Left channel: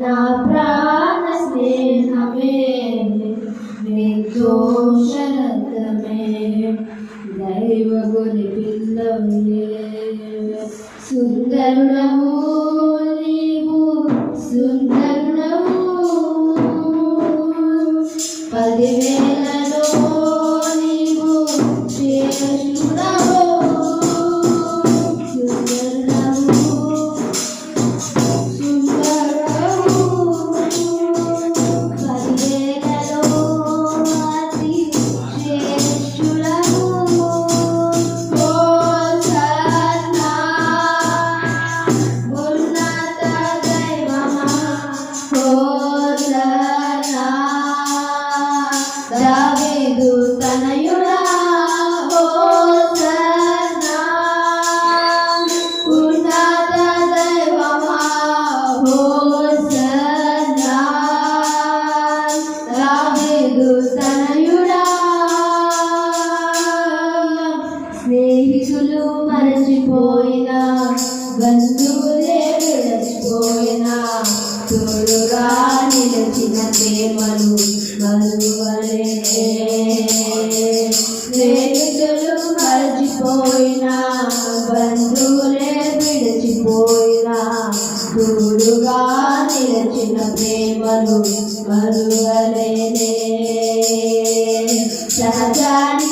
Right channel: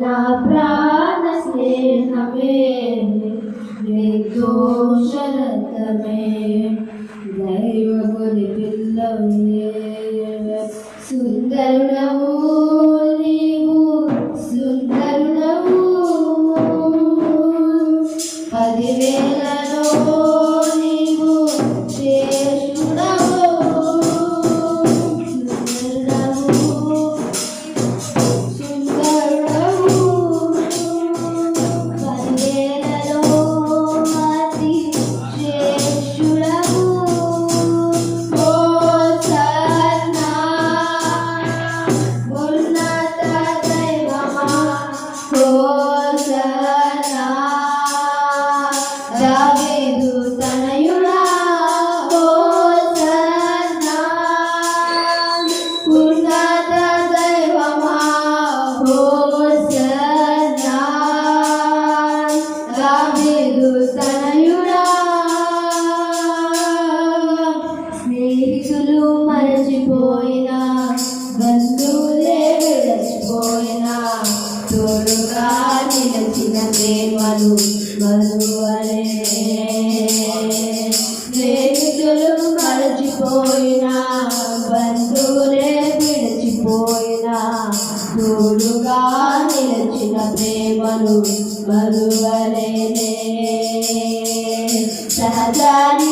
నా ప్రాణ స్నేహమే నిర్దోషరతమే దైవ గురి పిల్లవే సుందరుడవు మరచిపోయిన బంధువులే విడచిపోయినా తోడుగా నిలచిన ప్రేమలు మరువలే. స్నేహితులు మరచిపోయిన బంధువులే విడచిపోయినా తోడుగా నిలచిన ప్రేమలు మరువలేనే. సహజాని